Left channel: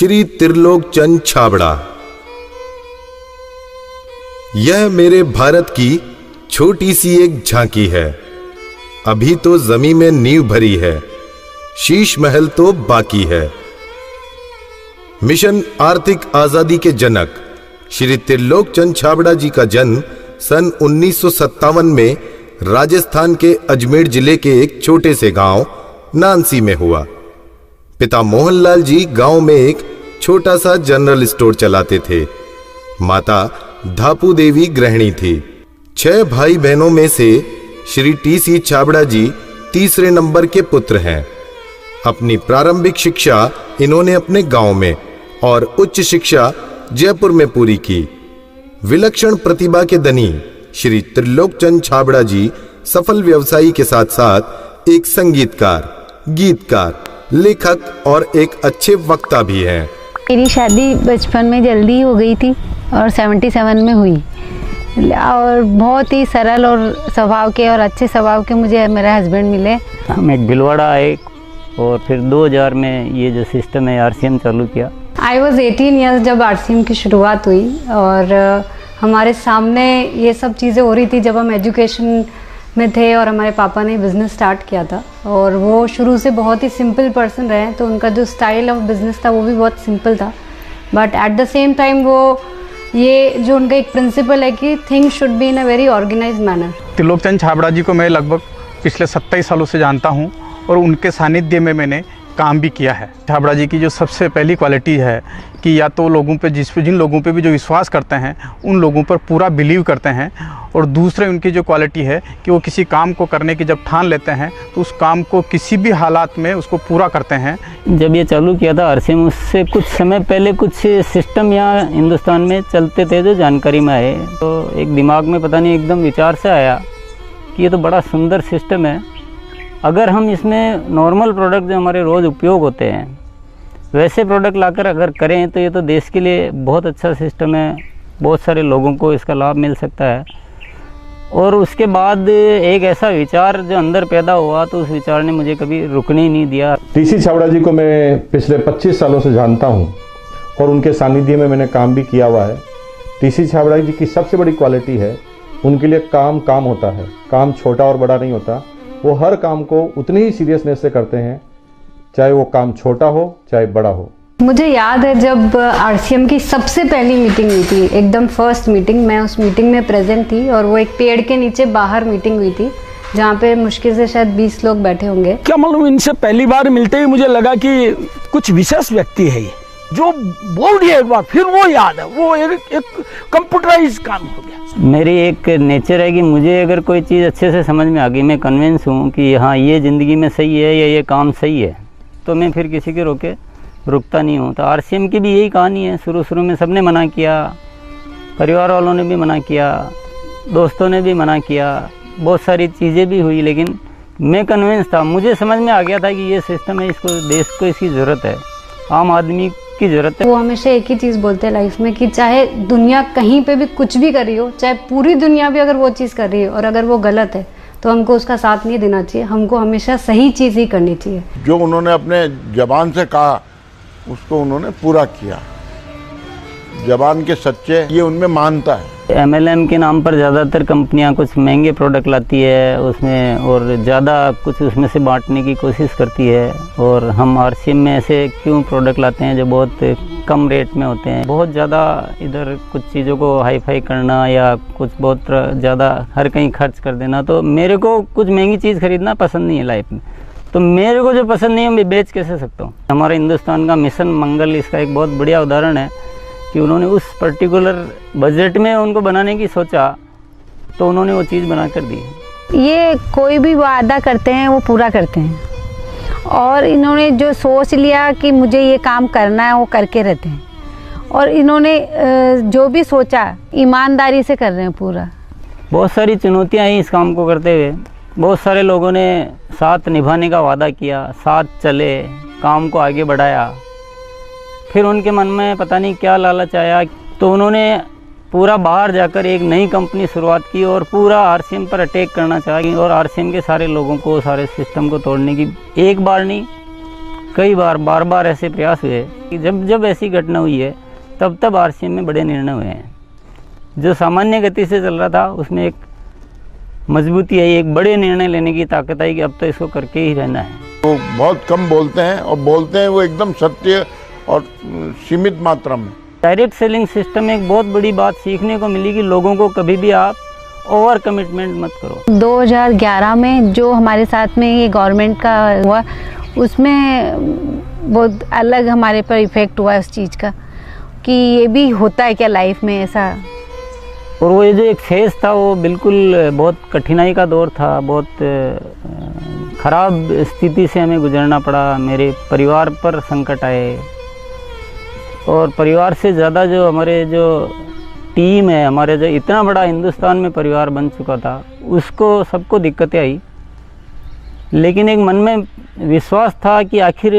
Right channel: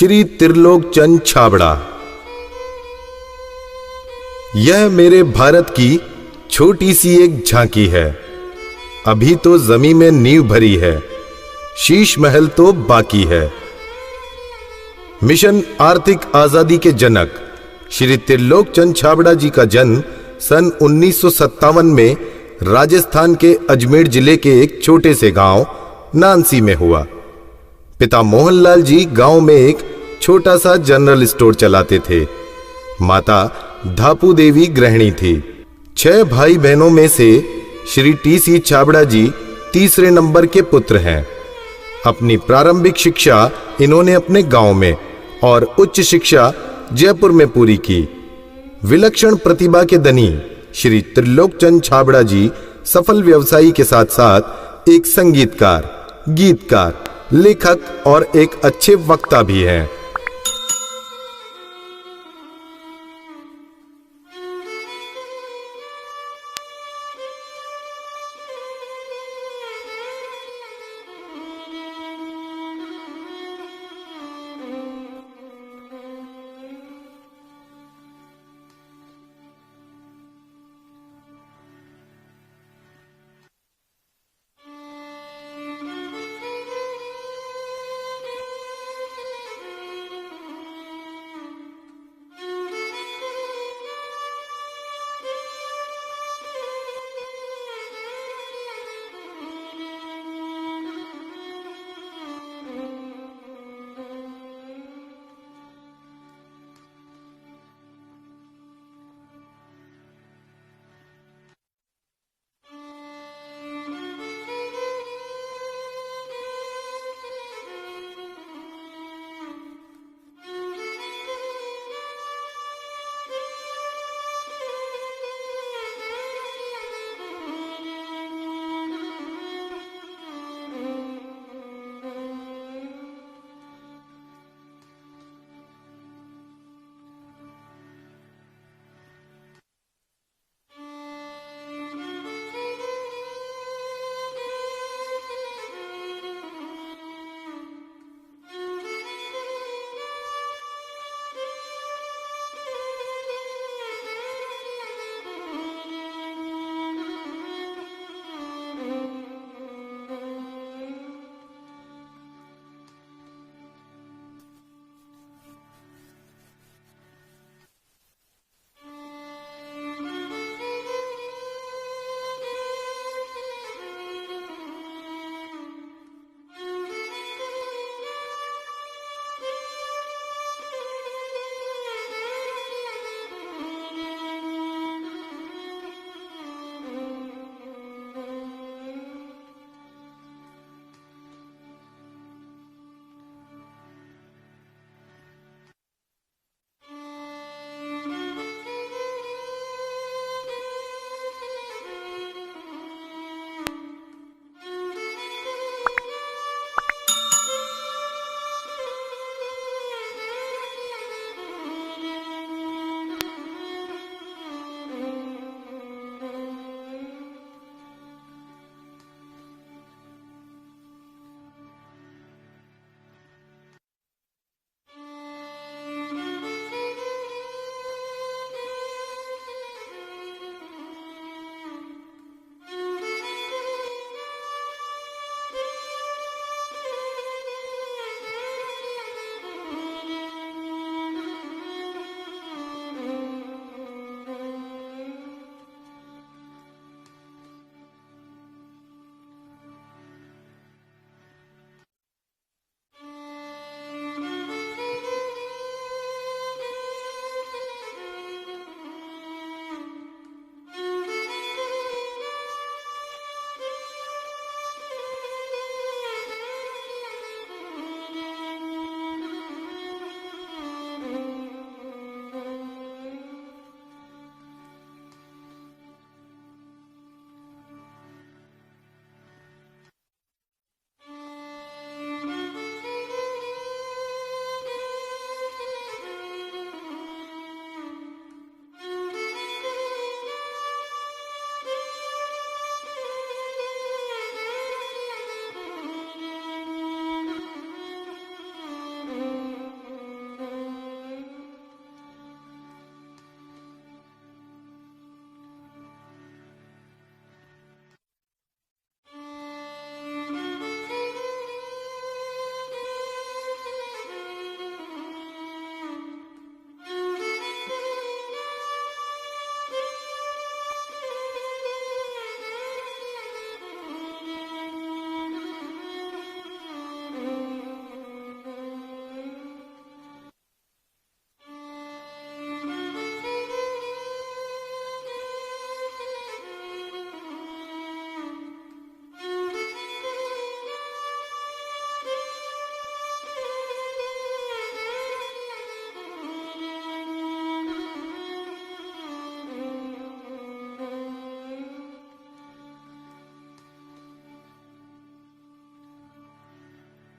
श्री त्रिलोक चंद छाबड़ा। यह मेरे भारत की छोटी सी एक झांकी है। अभी तो जमीन में नींव भरी है, शीश महल तो बाकी है। मिशन आर्थिक आजादी के जनक श्री त्रिलोक चंद छाबड़ा जी का जन्म सन 1957 में राजस्थान के अजमेर जिले के एक छोटे से गांव नानसी में हुआ। पिता मोहनलाल जी गांव में एक छोटा सा जनरल स्टोर चलाते थे। माता धापू देवी गृहिणी थी। 6 भाई बहनों में से श्री टी.सी. छाबड़ा जी तीसरे नंबर के पुत्र हैं। अपनी प्रारंभिक शिक्षा इन्होंने अपने गांव में और उच्च शिक्षा जयपुर में पूरी की। विलक्षण प्रतिभा के धनी श्री त्रिलोक चंद छाबड़ा जी सफल व्यवसायी के साथ साथ एक संगीतकार, गीतकार, लेखक और एक अच्छे वक्ता भी हैं। मेरी शादी बचपन में जल्दी हो गई थी और 77 में हुई और बहुत ही सरल और स्वभाव के और अच्छे स्वभाव के मुझे मेरे हस्बैंड मिले। हम एक भिलवाड़ा आए और फिर 2000 में ये जो सिस्टम है आरसीएम चालू किया। आई वॉज 18 ईयर्स जब आरसीएम की शुरुआत हुई और हमारे सामने ये सब चीज़ें हो रही थी जब हम एजुकेशन में थे और हमारे पापा ने बिज़नेस स्टार्ट किया था और वो शुरू से बहुत ही सिंपल पर्सन रहे, तो उनका जो स्टाइल ऑफ बिज़नेस था वो भी बहुत सिंपल था। But at the same time वो ये जो उनका एक प्रिंसिपल है कि things should be in a very organised manner. Trilok Chand Chhabra ji को मैं लगभग पिछले 27 सालों से जानता हूँ और उनके सानिध्य में मैंने काम भी किया है। छाबड़ा जी की जो सबसे पहली क्वालिटी है कि या तो लोगों पे जिन लोगों पे भी जो विश्वास करते हैं उन लोगों पर पूरा बिलीव करते हैं, और दूसरे उनकी जो क्वालिटी है कि वो किसी काम को करने की जब ठान लेते हैं तो उस काम को किसी भी हालात में उसको पूरा करते हैं। जब ये चालू किया था आरसीएम, उससे कुछ समय पहले कुछ सिस्टम यहाँ हिंदुस्तान में चलते थे जो जानकारी में आए, तो एक दिमाग में पता नहीं एकदम विचार से आया कि ये तो बड़ा सुंदर सिस्टम है। अगर हम इसमें नॉर्मल प्रोडक्ट जो हमारे रोज़ उपयोग होते हैं वैसे प्रोडक्ट लाकर अगर करें तो ये तो देश के लिए बहुत अच्छा सिस्टम है, बहुत सारे लोगों को इसका लाभ मिल सकता है। और उसके बाद एक ऐसा विचार जो अंदर पैदा हुआ तो उस विचार ने मुझे कभी रुकने ही नहीं दिया। टी.सी. छाबड़ा जी को मैं पिछले 25 सालों से जानता हूं और उनके सानिध्य में मैंने काम भी किया हुआ है। टी.सी. छाबड़ा जी की सबसे बड़ी क्वालिटी है उनके लिए काम होता है। काम छोटा और बड़ा नहीं होता, वो हर काम को उतनी ही सीरियसनेस से करते हैं, चाहे वो काम छोटा हो चाहे बड़ा हो। मुझे याद है जब आरसीएम की सबसे पहली मीटिंग हुई थी, एकदम फर्स्ट मीटिंग, मैं उस मीटिंग में प्रेजेंट थी और वो एक पेड़ के नीचे बाहर मीटिंग हुई थी जहाँ पे मुश्किल से शायद 20 लोग बैठे होंगे। क्या मालूम, इनसे पहली बार मिलते ही मुझे लगा कि कुछ विशेष व्यक्ति है ये, जो बोल दिया एक बार फिर वो याद है, वो एक कंप्यूटराइज काम हो गया। मेरी एक नेचर है कि मुझे अगर कोई चीज़ अच्छे से समझ में आ गई, मैं कन्विंस हूँ कि हाँ ये ज़िंदगी में सही है या ये काम सही है, तो मैं फिर किसी के रोके रुकता नहीं हूँ। तो आरसीएम की भी यही कहानी है। शुरू में सबने मना किया, परिवार वालों ने भी मना किया, दोस्तों ने भी मना किया, बहुत सारी चीज़ें भी हुई, लेकिन मैं कन्विंस था, मुझे समझ में आ गया था कि ये सिस्टम है, इसको देश को इसकी ज़रूरत है, आम आदमी की ज़रूरत है। वो हमेशा एक ही चीज़ बोलते हैं लाइफ में कि चाहे दुनिया कहीं पे भी कुछ भी कर रही हो, चाहे पूरी दुनिया भी अगर वो चीज़ कर रही है और अगर वो गलत है तो हमको उसका साथ नहीं देना चाहिए, हमको हमेशा सही चीज़ ही करनी चाहिए। जो उन्होंने अपने जबान से कहा उसको उन्होंने पूरा किया। जबान के सच्चे ये उनमें मानता है। एमएलएम के नाम पर ज़्यादातर कंपनियां कुछ महंगे प्रोडक्ट लाती है उसमें और ज़्यादा कुछ उसमें से बांटने की कोशिश करती है, और हम आरसीएम में ऐसे क्यों प्रोडक्ट लाते हैं जो बहुत कम रेट में होते हैं। बहुत ज़्यादा इधर कुछ चीज़ों को हाई फाई करना या कुछ बहुत ज़्यादा हर कहीं खर्च कर देना, तो मेरे को कुछ महंगी चीज़ खरीदना पसंद नहीं है लाइफ में। तो मेरे को जो पसंद नहीं है मैं बेच कैसे सकता हूँ। हमारे हिंदुस्तान का मिशन मंगल इसका एक बहुत बढ़िया उदाहरण है कि उन्होंने उस पर्टिकुलर बजट में उनको बनाने की सोचा तो उन्होंने वो चीज़ बना कर दी। ये कोई भी वादा करते हैं वो पूरा करते हैं, और इन्होंने जो सोच लिया कि मुझे ये काम करना है वो करके रहते हैं, और इन्होंने जो भी सोचा ईमानदारी से कर रहे हैं पूरा। बहुत सारी चुनौतियाँ आई इस काम को करते हुए, बहुत सारे लोगों ने साथ निभाने का वादा किया, साथ चले, काम को आगे बढ़ाया, फिर उनके मन में पता नहीं क्या लालच आया तो उन्होंने पूरा बाहर जाकर एक नई कंपनी शुरुआत की और पूरा आरसीएम पर अटैक करना चाहिए और आरसीएम के सारे लोगों को, सारे सिस्टम को तोड़ने की एक बार नहीं कई बार बार ऐसे प्रयास हुए कि जब ऐसी घटना हुई है तब आरसीएम में बड़े निर्णय हुए हैं। जो सामान्य गति से चल रहा था उसमें एक मजबूती आई, एक बड़े निर्णय लेने की ताकत आई कि अब तो इसको करके ही रहना है। वो बहुत कम बोलते हैं और बोलते हैं वो एकदम सत्य और सीमित मात्रा में। डायरेक्ट सेलिंग सिस्टम में एक बहुत बड़ी बात सीखने को मिली कि लोगों को कभी भी आप ओवर कमिटमेंट मत करो। 2011 में जो हमारे साथ में ये गवर्नमेंट का हुआ उसमें बहुत अलग हमारे पर इफ़ेक्ट हुआ उस चीज़ का कि ये भी होता है क्या लाइफ में ऐसा। और वो ये जो एक फेज़ था वो बिल्कुल बहुत कठिनाई का दौर था, बहुत ख़राब स्थिति से हमें गुजरना पड़ा। मेरे परिवार पर संकट आए और परिवार से ज़्यादा जो हमारे जो टीम है, हमारे जो इतना बड़ा हिंदुस्तान में परिवार बन चुका था, उसको सबको दिक्कतें आई। लेकिन एक मन में विश्वास था कि आखिर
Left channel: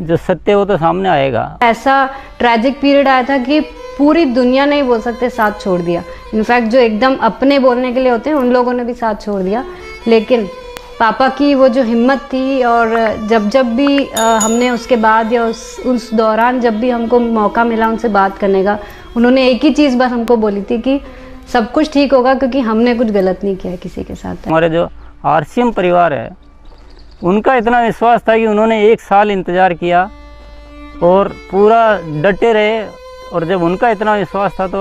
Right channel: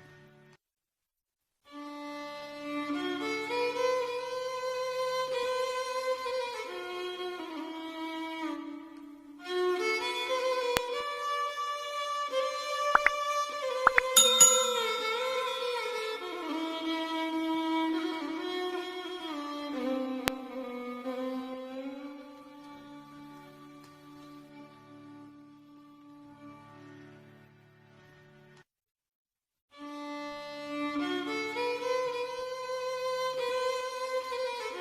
जो सत्य वो तो सामने आएगा। ऐसा ट्रैजिक पीरियड आया था कि पूरी दुनिया ने ही बोल सकते साथ छोड़ दिया। इनफैक्ट जो एकदम अपने बोलने के लिए होते हैं उन लोगों ने भी साथ छोड़ दिया। लेकिन पापा की वो जो हिम्मत थी और जब भी हमने उसके बाद या उस दौरान जब भी हमको मौका मिला उनसे बात करने का, उन्होंने एक ही चीज़ बस हमको बोली थी कि सब कुछ ठीक होगा क्योंकि हमने कुछ गलत नहीं किया किसी के साथ। हमारे जो आरसीएम परिवार है उनका इतना विश्वास था कि उन्होंने 1 साल इंतज़ार किया और पूरा डटे रहे। और जब उनका इतना विश्वास था तो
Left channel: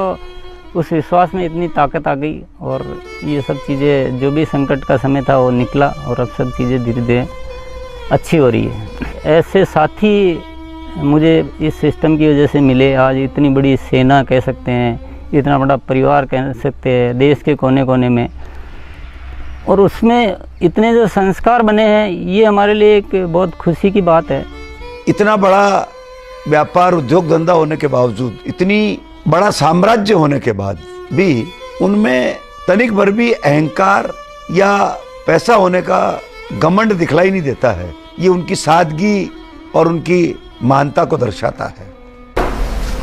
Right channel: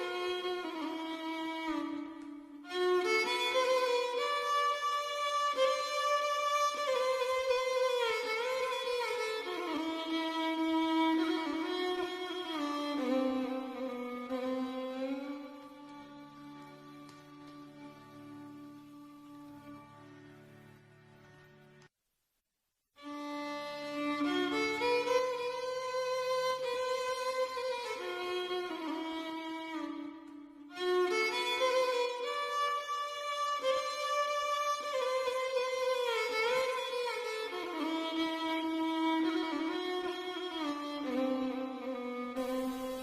उस विश्वास में इतनी ताकत आ गई और ये सब चीज़ें, जो भी संकट का समय था वो निकला और अब सब चीज़ें धीरे धीरे अच्छी हो रही है। ऐसे साथी मुझे इस सिस्टम की वजह से मिले। आज इतनी बड़ी सेना कह सकते हैं, इतना बड़ा परिवार कह सकते हैं देश के कोने कोने में, और उसमें इतने जो संस्कार बने हैं, ये हमारे लिए एक बहुत खुशी की बात है। इतना बड़ा व्यापार उद्योग धंधा होने के बावजूद, इतनी बड़ा साम्राज्य होने के बाद भी उनमें तनिक भर भी अहंकार या पैसा होने का घमंड दिखलाई नहीं देता है। ये उनकी सादगी और उनकी मानता को दर्शाता है।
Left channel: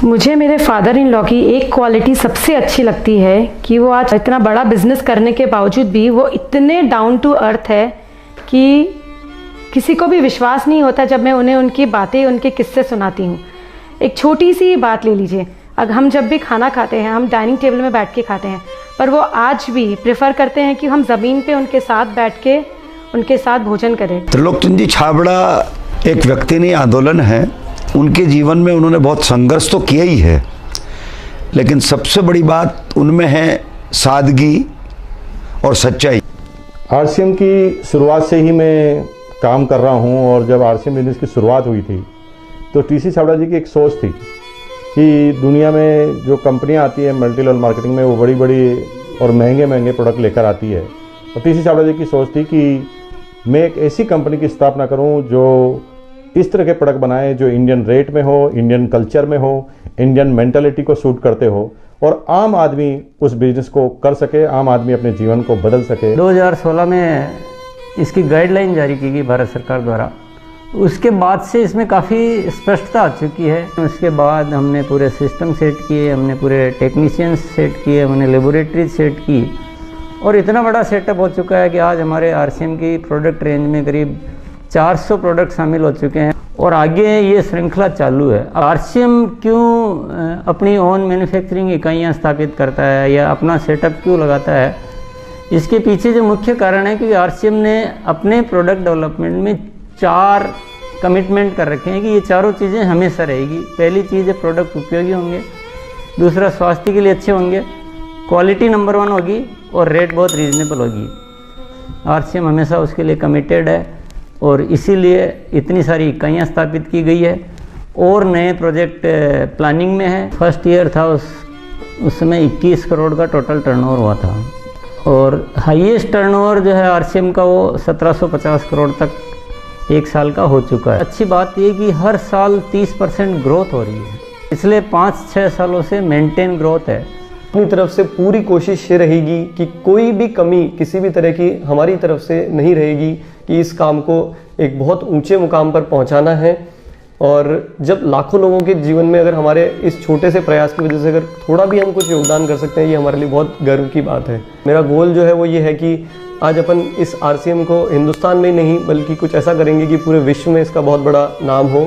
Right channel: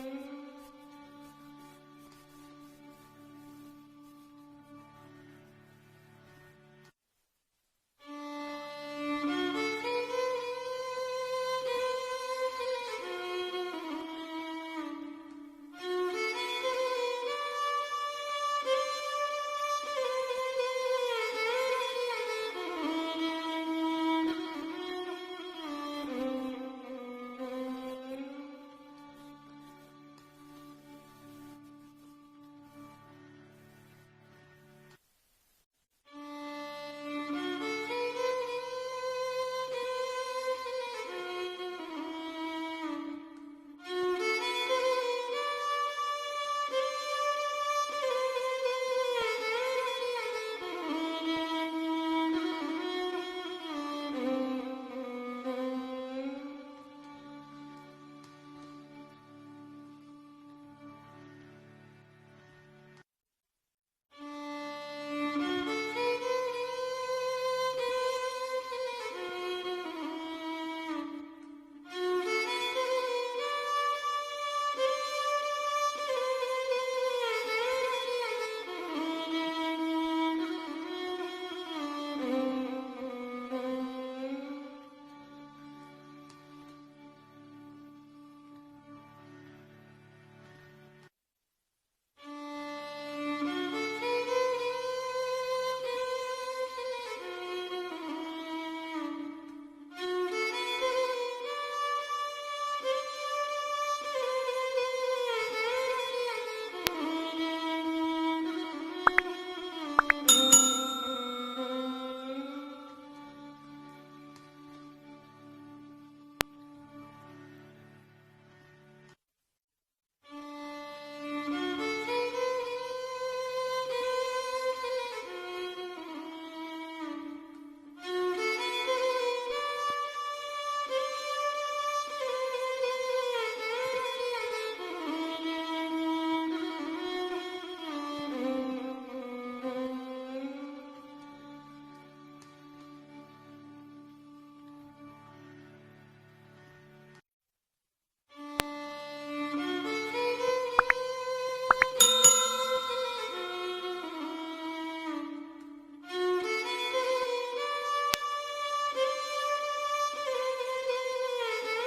मुझे मेरे फादर इन लॉ की एक क्वालिटी सबसे अच्छी लगती है कि वो आज इतना बड़ा बिजनेस करने के बावजूद भी वो इतने डाउन टू अर्थ है कि किसी को भी विश्वास नहीं होता जब मैं उन्हें उनकी बातें, उनके किस्से सुनाती हूँ। एक छोटी सी बात ले लीजिए, अगर हम जब भी खाना खाते हैं हम डाइनिंग टेबल में बैठ के खाते हैं, पर वो आज भी प्रेफर करते हैं कि हम ज़मीन पे उनके साथ बैठ के उनके साथ भोजन करें। त्रिलोकचंद जी छाबड़ा एक व्यक्ति नहीं, आंदोलन है। उनके जीवन में उन्होंने बहुत संघर्ष तो किया ही है, लेकिन सबसे बड़ी बात उनमें है सादगी और सच्चाई। आरसीएम की शुरुआत से ही मैं काम कर रहा हूं और जब आरसीएम बिजनेस की शुरुआत हुई थी तो टीसी छाबड़ा जी की एक सोच थी कि दुनिया में जो कंपनियां आती है मल्टी लेवल मार्केटिंग में, वो बड़ी बड़ी और महंगे महंगे प्रोडक्ट लेकर आती है। और टीसी छाबड़ा जी की सोच थी कि मैं एक ऐसी कंपनी की स्थापना करूं जो इस तरह के प्रोडक्ट बनाए जो इंडियन रेट में हो, इंडियन कल्चर में हो, इंडियन मेंटालिटी को सूट करते हो और आम आदमी उस बिजनेस को कर सके, आम आदमी अपने जीवन को बदल सके। 2016 में इसकी गाइडलाइन जारी की गई भारत सरकार द्वारा। उसके बाद से इसमें काफ़ी स्पष्टता आ चुकी है। उसके बाद हमने पूरे सिस्टम सेट किए, हमने पूरे टेक्नीशियंस सेट किए, हमने लेबोरेटरी सेट की और इतना बड़ा सेटअप हो चुका है कि आज हमारे आरसीएम की प्रोडक्ट रेंज में करीब 400 प्रोडक्ट शामिल हो चुके हैं और आगे ये श्रृंखला चालू है। आरसीएम क्यों अपनी ओन मैन्युफैक्चरिंग इकाइयाँ स्थापित करता है या अपना सेटअप क्यों लगाता है, इसके पीछे जो मुख्य कारण है कि आरसीएम ने अपने प्रोडक्ट डेवलपमेंट में 4 कमिटमेंट कर रखे हैं कि ये चारों चीज़ें हमेशा रहेगी। पहली चीज़ है प्रोडक्ट उपयोगी होंगे, दूसरा स्वास्थ्य के लिए अच्छे होंगे, क्वालिटी नंबर 1 होगी और रेट बहुत रीजनेबल होगी। आरसीएम हमेशा उसके लिए कमिटेड है और इसीलिए इतनी सारी इकाइयाँ स्थापित की गई है और नए प्रोजेक्ट प्लानिंग में है। फर्स्ट ईयर था उस समय 21 करोड़ का टोटल टर्नओवर हुआ था और हाईएस्ट टर्नओवर जो है आरसीएम का वो 1750 करोड़ तक एक साल का हो चुका है। अच्छी बात ये कि हर साल 30% ग्रोथ हो रही है, इसलिए 5-6 सालों से मेंटेन ग्रोथ है। अपनी तरफ से पूरी कोशिश ये रहेगी कि कोई भी कमी किसी भी तरह की हमारी तरफ से नहीं रहेगी कि इस काम को एक बहुत ऊंचे मुकाम पर पहुंचाना है। और जब लाखों लोगों के जीवन में अगर हमारे इस छोटे से प्रयास की वजह से अगर थोड़ा भी हम कुछ योगदान कर सकते हैं, ये हमारे लिए बहुत गर्व की बात है। मेरा गोल जो है वो ये है कि आज अपन इस RCM को हिंदुस्तान में नहीं बल्कि कुछ ऐसा करेंगे कि पूरे विश्व में इसका बहुत बड़ा नाम हो।